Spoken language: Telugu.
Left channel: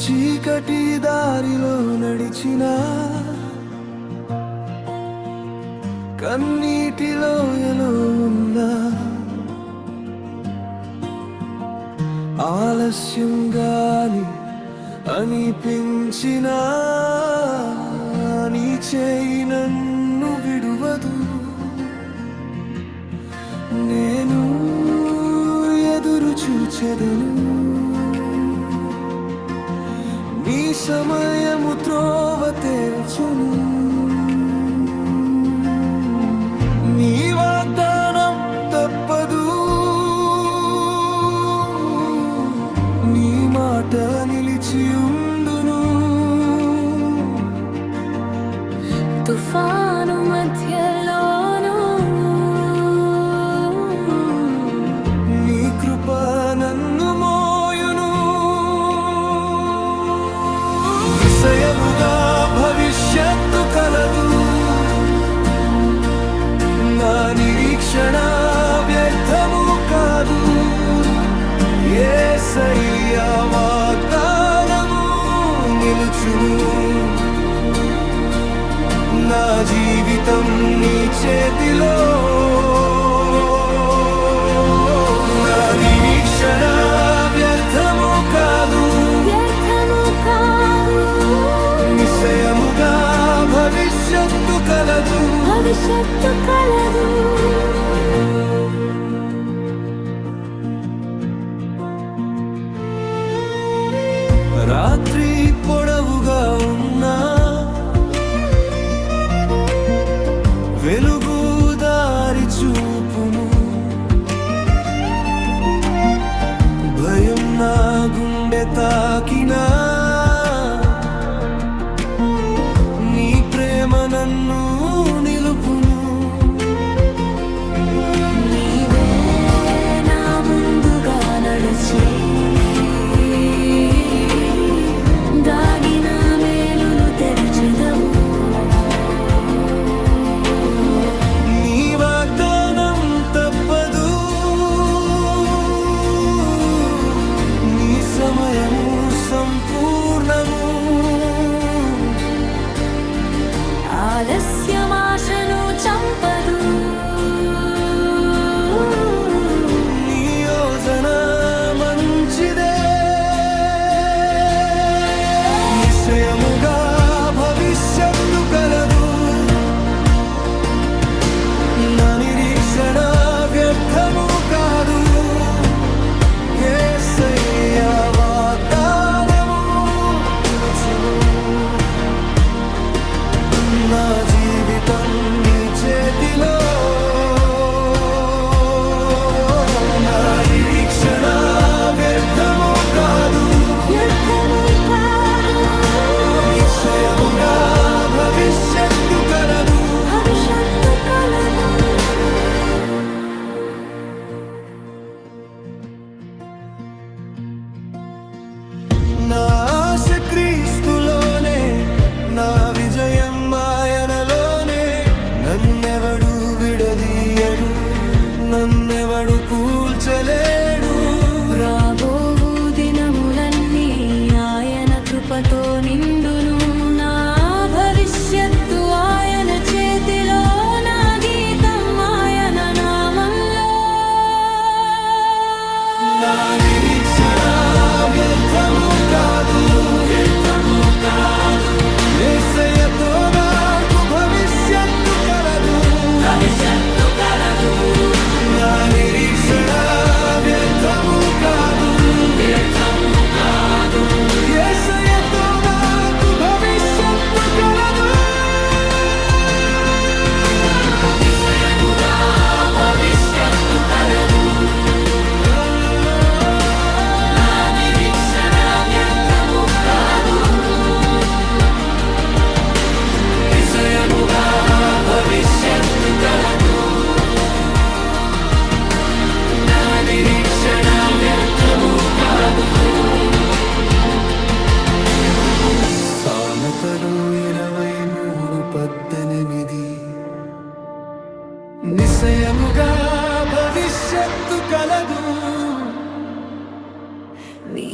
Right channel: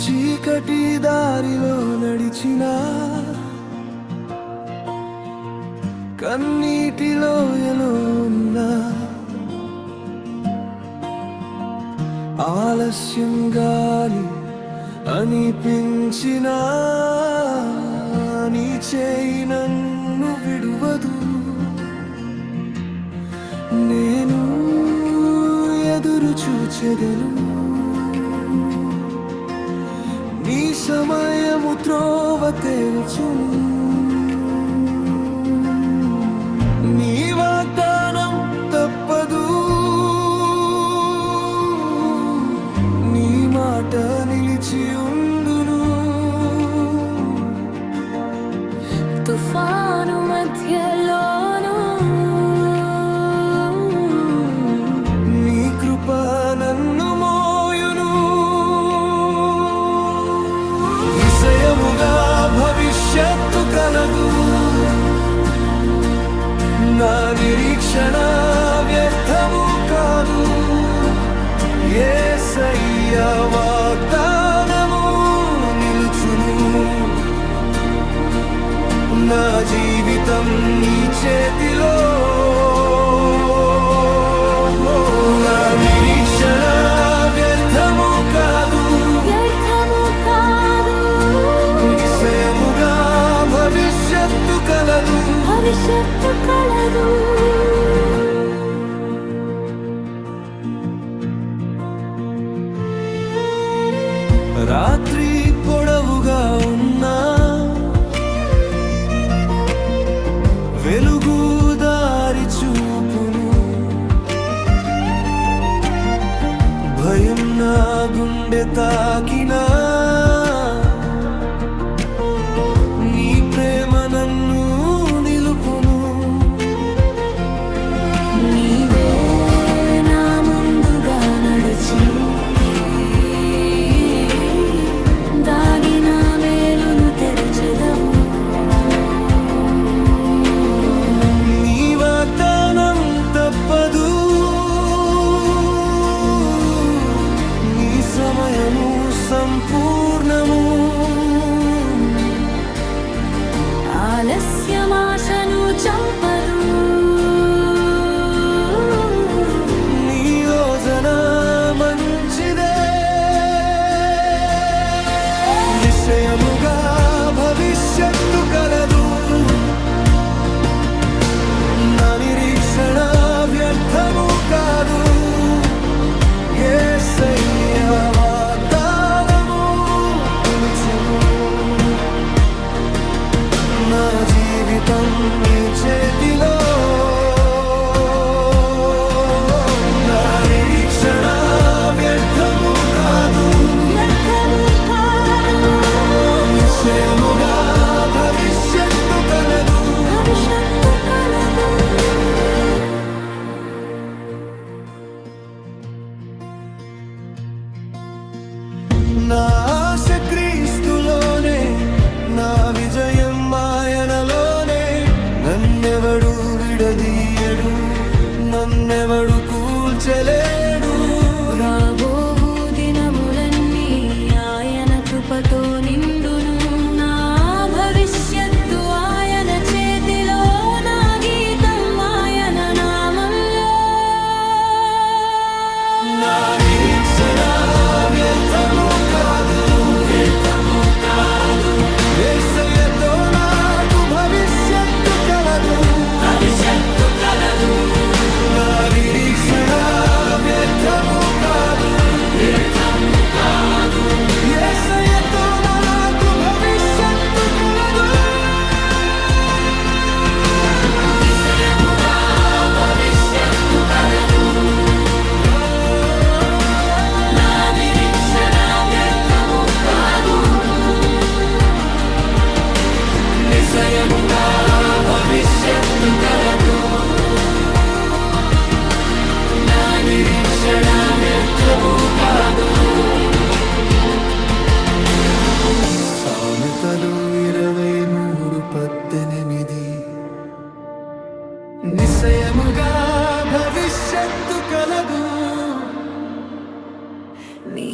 చీకటి దారిలో నడిచినా కన్నీటిలో ఎలో ఉన్నా ఆలస్యంగాని అనిపించినా నీ చేయి నన్ను విడువదు. నేను ఎదురు చూచెదను, నీ సమయము త్రోవ తేల్చును. నీ వాగ్దానం తప్పదు, నీ మాట నిలిచి ఉండును. తుఫాను మధ్యలోను నీ కృప నన్ను మోయును. నిశ్చయముగా భవిష్యత్తు కలదు, నా నిరీక్షణ వ్యర్థము కాదు. యేసయ్య వాగ్దానము నిలుచును, నా జీవితం నీ చేతిలో. నా నిరీక్షణ వ్యర్థము కాదు, వ్యర్థము కాదు. నిశ్చయముగా భవిష్యత్తు కలదు, భవిష్యత్తు కలదు. రాత్రి పొడవుగా ఉన్నా వెలుగు దారి చూపును. భయం నా గుండె తాకినా నీ ప్రేమ నన్ను నిలుపును. నీవే నా ముందుగా నడచి దాగిన మేలును తెరచెదవు. నీ వాగ్దానం తప్పదు, నీ సమయము సంపూర్ణము. ఆలస్యమాశను చంపదు, నీ యోజన మంచిదే. నిశ్చయముగా భవిష్యత్తు కలదు, నా నిరీక్షణ వ్యర్థము కాదు. యేసయ్య వాగ్దానము నిలుచును, నా జీవితం నీ చేతిలో. నా నిరీక్షణ వ్యర్థము కాదు, వ్యర్థము కాదు. నిశ్చయముగా భవిష్యత్తు కలదు, భవిష్యత్తు కలదు. నా ఆశ క్రీస్తులోనే, నా విజయం ఆయనలోనే. నన్నెవడు విడదీయడు, నన్నెవడు కూల్చలేడు. రాబోవు దినములన్నీ ఆయన కృపతో నిండును. నా భవిష్యత్తు ఆయన చేతిలో, నా గీతం ఆయన నామంలో. నా నిరీక్షణ వ్యర్థము కాదు, యేసయ్యతో నాకు భవిష్యత్తు కలదు. నా నిరీక్షణ వ్యర్థము కాదు, యేసయ్యతో నాకు భవిష్యత్తు కలదు. నిశ్చయముగా భవిష్యత్తు కలదు, నా నిరీక్షణ వ్యర్థము కాదు. సామెతలు 23:18. నిశ్చయముగా భవిష్యత్తు కలదు, నీ